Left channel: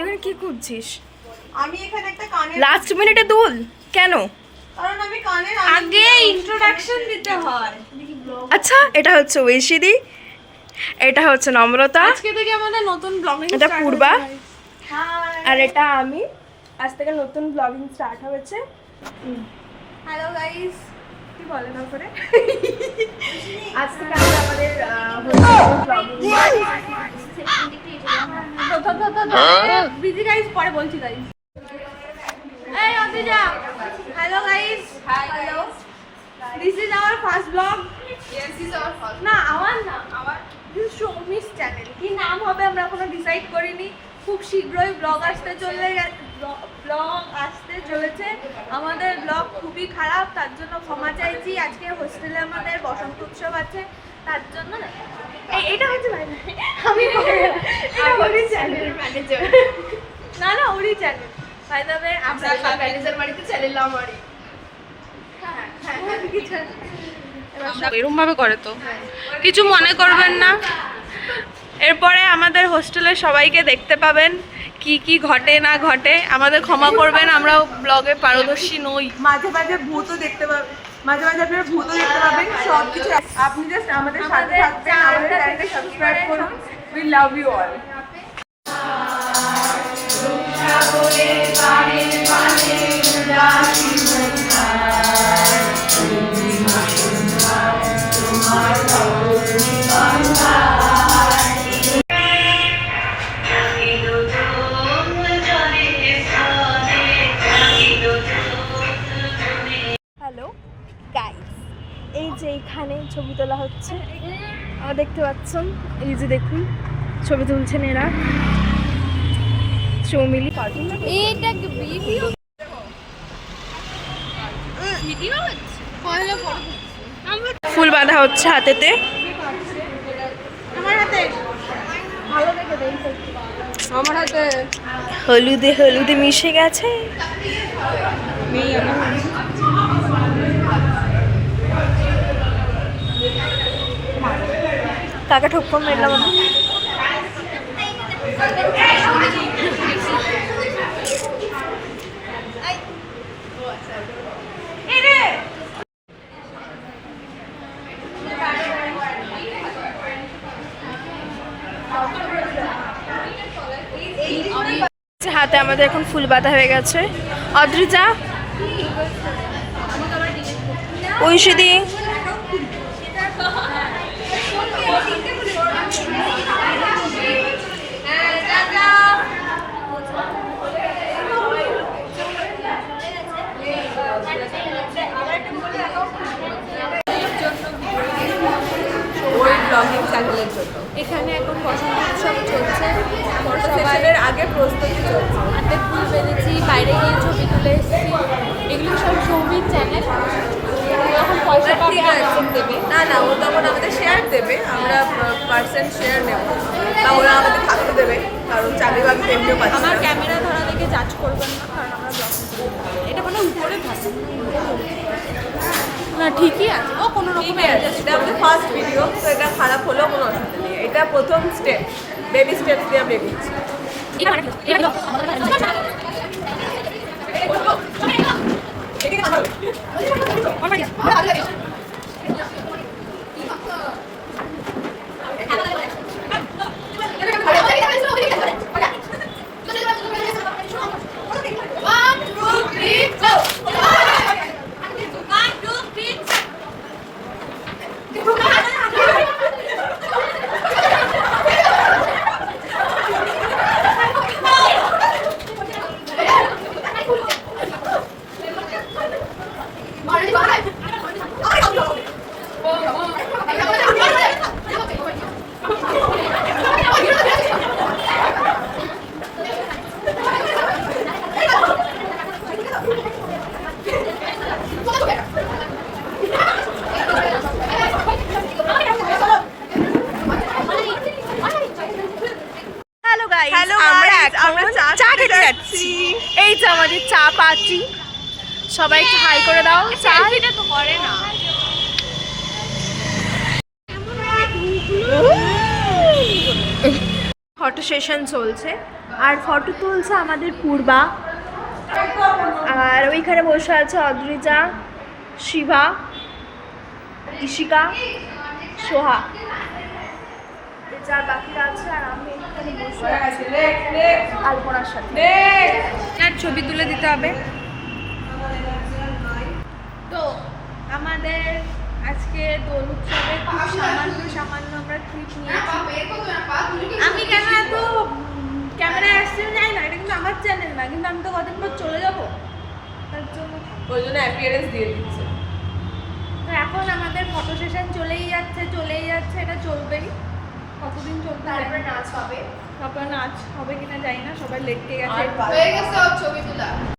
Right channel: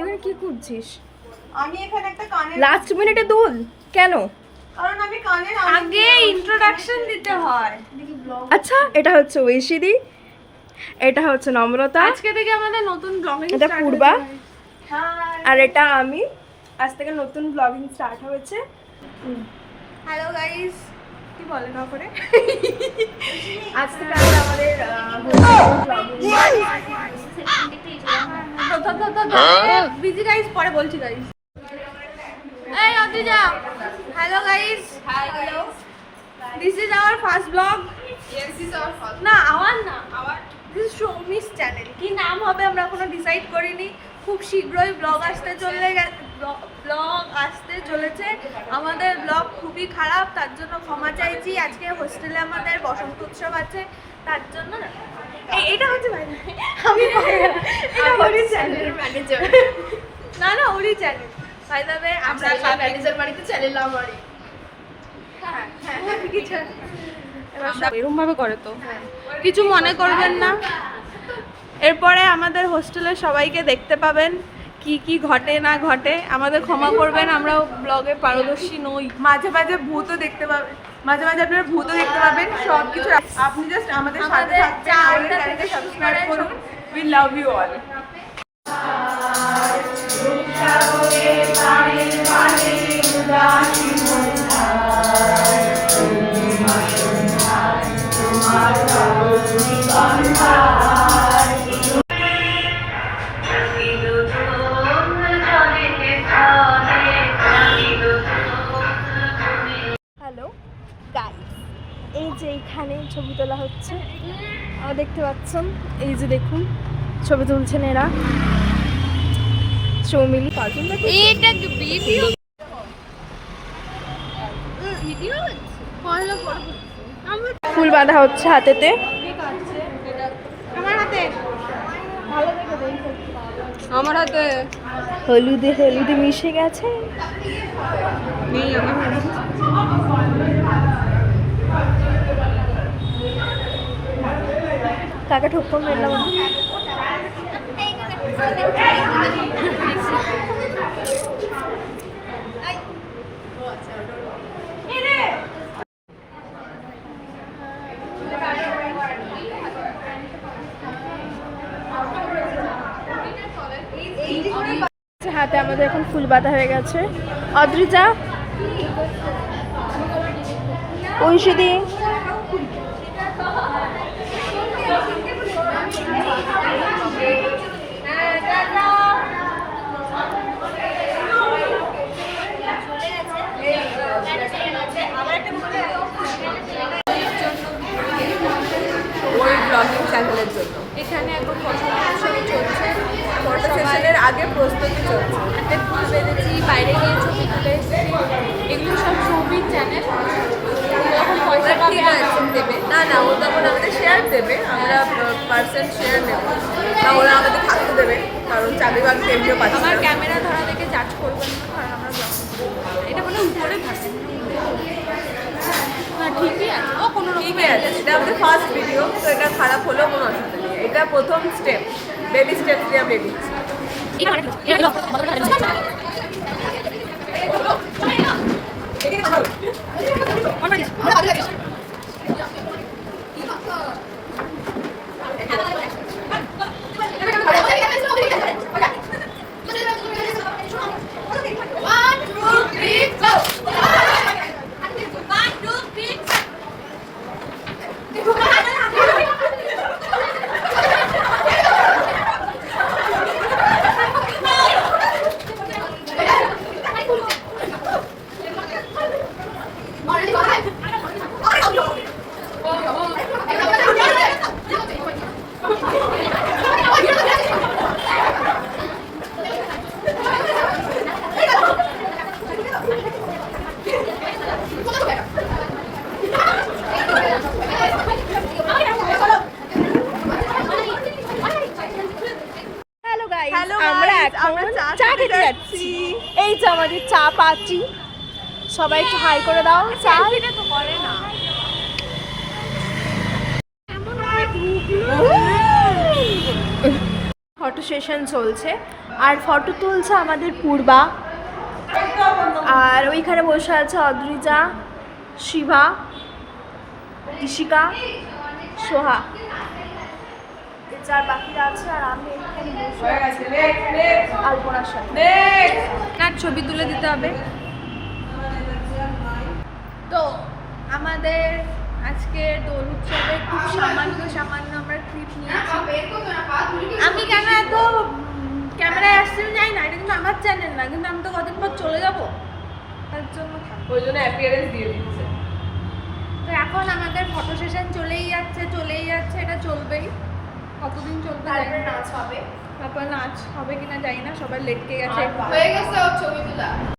তুই এখানে কি করছিস? আমি এখানে একটা কানের লাস্ট মিনিটে দুল কেন? কারণ আমি কানের আগে ইন্ট্রোডাকশন দিতে হয়। আচ্ছা, এটা হচ্ছে ঐশিদি, এটা হচ্ছে নম্রতা, আজকে থেকে আমাদের নতুন ব্লগিং এটা পূর্বা, হাই আর এটা আমি। আজ থেকে নতুন ব্লগিং স্টার্ট হয়েছে। Hello guys. কি বলে না করে আজ থেকে আমরা আমাদের বিজি গাইস, পরে বলছি গাইস। এই অদিজা, hello guys. Hello, this is our first blog. Yes, this is our first. না আওয়ার না, দিস ইজ শৌমিস চ্যানেল। কি নাম হবে আমরা এখনো ডিসাইড করিনি। খুব শীঘ্রই ব্লগ আসতে চলেছে। আমাদের ব্লগ খুবই খারাপ, তার জন্য ক্ষমা চাইছি। আজকে হোস্টেলে আমাদের বসন্ত উৎসব আছে, তার জন্য না এটা হচ্ছে আমি ওরই চ্যানেল ম্যানেজার। না ওরই চ্যানেল বাই দ্য ওয়ে। আপনার ম্যানেজার বাড়িতে চ্যানেল আমারই। এরকম ভাবে করে তো কিছু মনে করবেন না। এরপরে আমাদের হোস্টেলের সবাইকে দেখতে পাবেন, কি কি ঘটে না ঘটে। আমাদের ক্ষমা করবেন, আমরাও ব্লগে পারদর্শী নই। মাঝে মাঝে ভূতও দেখতে পাবেন, মাঝে মাঝে আপনারা ভূতও দেখতে পাবেন। সব কিছু আপনি জাস্ট আমাদের সাথে থাকবেন, আমাদের চ্যানেলকে সাবস্ক্রাইব করুন। We love you all. Hello guys, এই যে এইখানে ছবি তোলা হচ্ছে, দেখতে পাচ্ছেন। এই যে দেখুন ছবি তুলছেন এরা, চৌমিলি। এটা কি ভিডিও? ভিডিও হচ্ছে? পয়লা ফটো তুলছি। ফুল বাঁধা হচ্ছে হাতেতে। আমার হাতে আমার হাতে হলুদে হলুদে মিশে গেছে। কাকা ঠোক্কর মেরলাম আমি। হাতে আমাদের এখন ফুল বাঁধা হয়ে গেছে। অদ্রিজা, ঐশিদি, ওর ব্লগিং চ্যানেলের জন্য এখানে এখন বসন্ত উৎসব চলছে। ফটো সেশনের আগে প্রস্তুতি চলছে। হাতে ফুল বেঁধেছি, বাইরে গিয়ে ছবি তুলে এসেছি। এগুলো সব সৌমিক চ্যানেল। যখন পয়সা পাবে একদম দেবে না, ও তখন আমাদের শেয়ার দেবে, আমরা পার্সেন্ট শেয়ার নেব, তা ওরা আমাদের থাকতে দেবে, কারণ চাকরি বাকরি এমনিও পাচ্ছি আমার না। ক্যামেরা ধরা থেকে জাজ করবেন না, কারণ আমরা ব্লগিং করি। এটা মানে উপরে থাকে না, ঠিকই আছে। ও কোনো রকম ঠিকই আছে, এটা আমাদের ফার্স্ট ভিডিও, তো এটা খারাপ হলেও কোনো অসুবিধা নেই। এটা প্রথম স্টেপ, বেবি স্টেপ দিয়ে আমরা এগিয়েছি। আমরা চা খেতে যাচ্ছি। এই যে আমাদের চা পার্টি, সবাই একটু হাই করে দাও। চা তো করে না। ফটো সেশন চলছে, আর ফটো তুলছে আমাদের পূর্বা, আর ওইখানে বসে আছে অদ্রিজা, শিভা, ইশিকা, সোহা, এই চার বাকিরা আছে। আর আমি এখানে বসে আছি আলপনার সাথে। আর ছবি তুলে দিতে হবে। তো আমাদের আজকে দোল উৎসবে খুব সামান্য আমরা ক্লিপ নিয়েছি। আমি কেন এত ক্যামেরায় আসতে জানি না, এটা কিন্তু আমার চ্যানেল না, কিন্তু আমি তো কদিন পর চলে যাবো, তার জন্য থাকবো। ওই জন্য অ্যাপিয়ারেন্স দিয়ে দিচ্ছে। তো এখন আমাদের ফটো সেশন চলেই যাচ্ছে, এটা চলবেই। কতদিন চলবে জানি না। নাচ হবে, তারপর নাচ হবে কিনা জানি না, সবাই লেটকে গেছে। হয়ে গেছে ওর ছবি তোলা।